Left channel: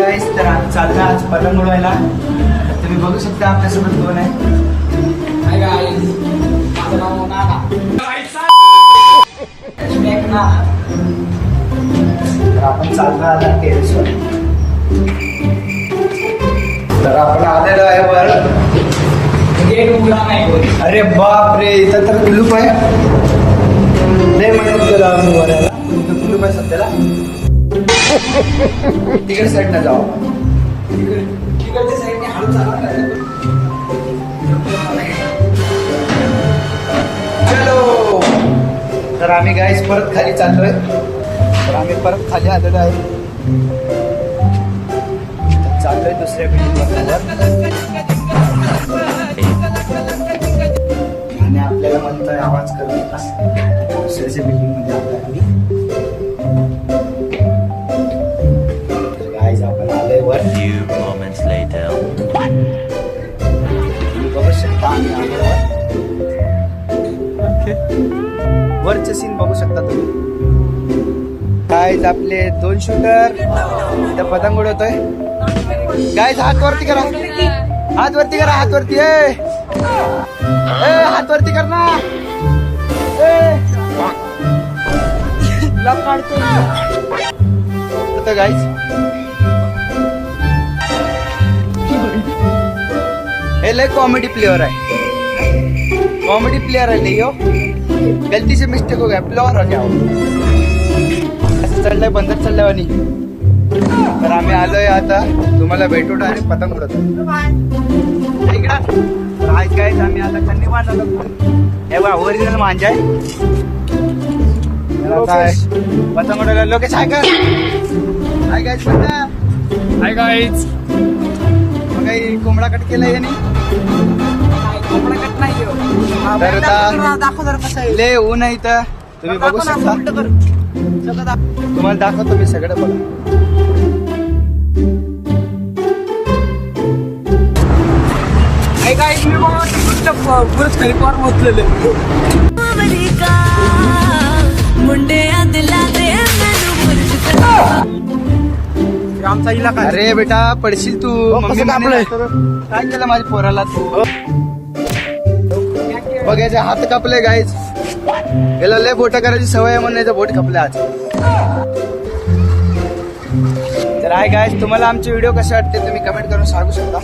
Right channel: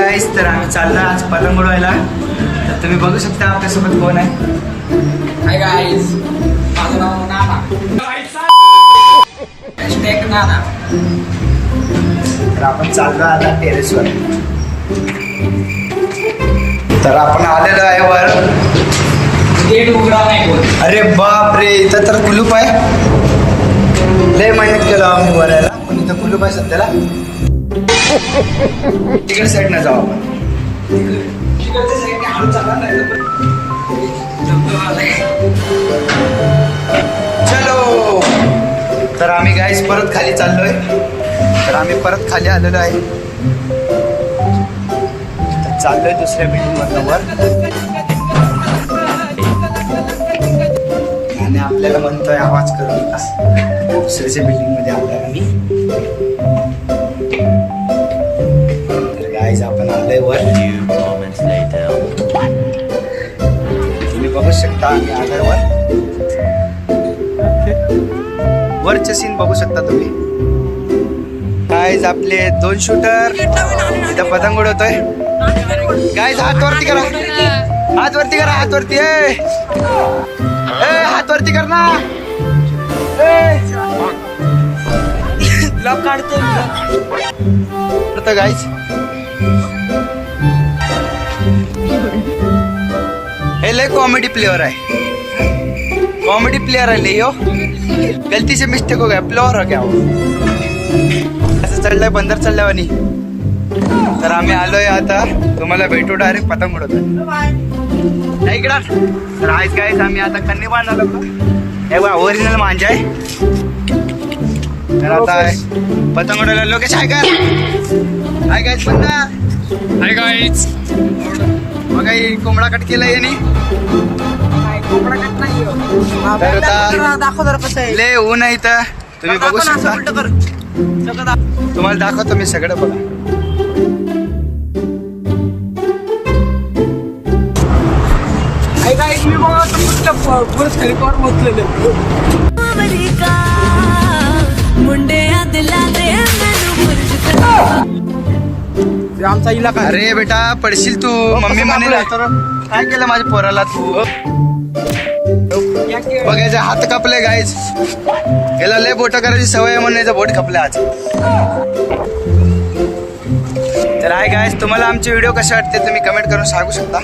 गाईस तर आम्ही चाललो आज पतंग उडवायला. तर तुम्ही बघू शकता आपल्यासोबत कोण आहे. हाय गाईज, माझं नाव नाना. नाना. तर आपण चाललो आता टेरेसवर. तर आपण आलेलो आहे वर. गेट उघडा नाही कोण. अरे बाप रे, इथं तर कुलूप आहे. लय मेहनत केलं आम्ही वर यायला, पण इथं कुलूप आहे सध्याला. तिकडे साईड न जाऊ आपण. तिकडच्या साईडने हळू चालणार नाही चलो. तर आम्ही गाईस परत खाली चाललोय. तर आम्ही परत खाली आलेलो आहे. तर चाललोय दुसऱ्या बिल्डिंगवर. आणि आपल्याला म्हणतोय आवाज करू नका. दुसऱ्याच्या बिल्डिंग मध्ये आलोय आम्ही. तर गाईस आपण आलोय वर. Few moments later. तुम्ही बघू शकता आम्ही आलोय वर. वरचे सीन बघू शकता तुम्ही. गाईज आपले 2 शूटर इथं पतंग उडवतोय. गाईज हात वरती करा, हात वरती करा, हात वरती. हात वरती कर ना. लॉक काढतो गाईज. हे लय कॉमेडी प्लेयर आहे. कॉमेडी प्लेयर है ले यो. गलती से मिस्टेक हो गया, प्लेयर हो गया. असं चढलंय बंदर चढल्यावानी. तर आम्ही आलोय आता. तुम्हाला भेटू डायरेक्ट पतंग उडवतोय. तर आज गाईज आम्ही आता कन्नी बांधायला लागलो. ओरिजिनल मांजा आहे. तर आता पतंग उडवायला लोकेश आहे का? हाय गाईज बंदा. Hi guys. मग काही कोंबडा कट केलाय यांनी. तर आता ले ऊन आहे इथं. तुम्ही बघू शकता. तुम्हाला दाखवतो मी सगळं. बघा हाय गाईज, मी पुरच खरीपावर बसलेले. आमचा इलाका. अरे बेटा पडशील तू. मम्मी म्हणे तर काय केलं माझ्या पोराला तू. बघ याचे हात कापले गाईज. याला लय बोट करायची सवय म्हणून याचं बोट कापले आज. तर हाय गाईज, तुम्हाला आमचे व्हिडिओ कसे वाटते तुम्ही कमेंट करून सांगू शकता.